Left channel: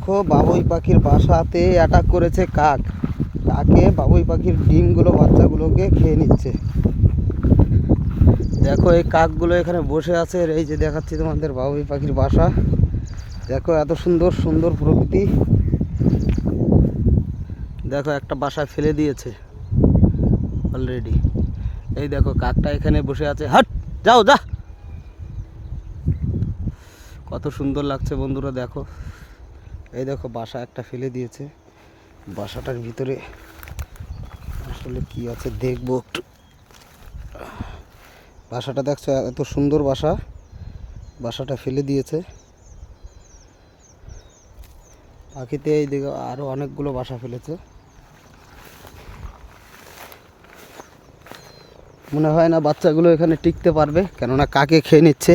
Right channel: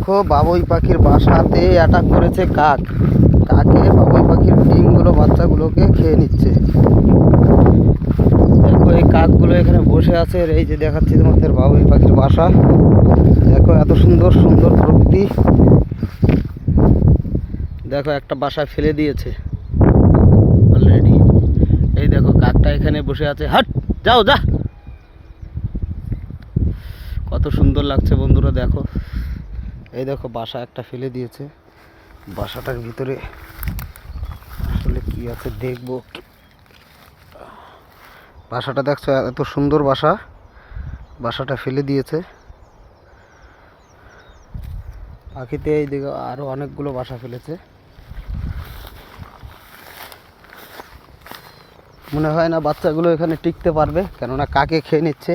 দেখো বাবুই পাখির বাসাতে অ্যাটাক করেছে কাক। কাকে বাবুই পাখির ডিমগুলো বাচ্চাগুলোকে খেয়ে নিচ্ছে। দেখো এই কাকগুলো এখানে বসে আছে। এই যে দেখাচ্ছি তোমাদের বাবুই পাখির বাসা। দেখো এত সুন্দর সুন্দর প্রকৃতি। দেখো একটা বাসা ফেলে দিয়েছে অলরেডি। এই দেখো কাকটা এখানে বসে আছে। হাট, যাও যা। কত সুন্দর লাগছে বন্ধুরা, দেখো। এই দেখো বাসা একটা ফেলে দিয়েছে। বাসাটার ভিতরে আসলে কি আছে দেখবো একটু। বাসাটা দেখছো, এত সুন্দর বাসা, বাসাটা ফেলে দিয়েছে। পাখিতে এই দেখো আরো অনেকগুলো বাসা ফেলেছে। মনে হয় না বাচ্চাগুলো এখানে টিকতে পারবে, কেননা কাকে খেয়ে নিচ্ছে।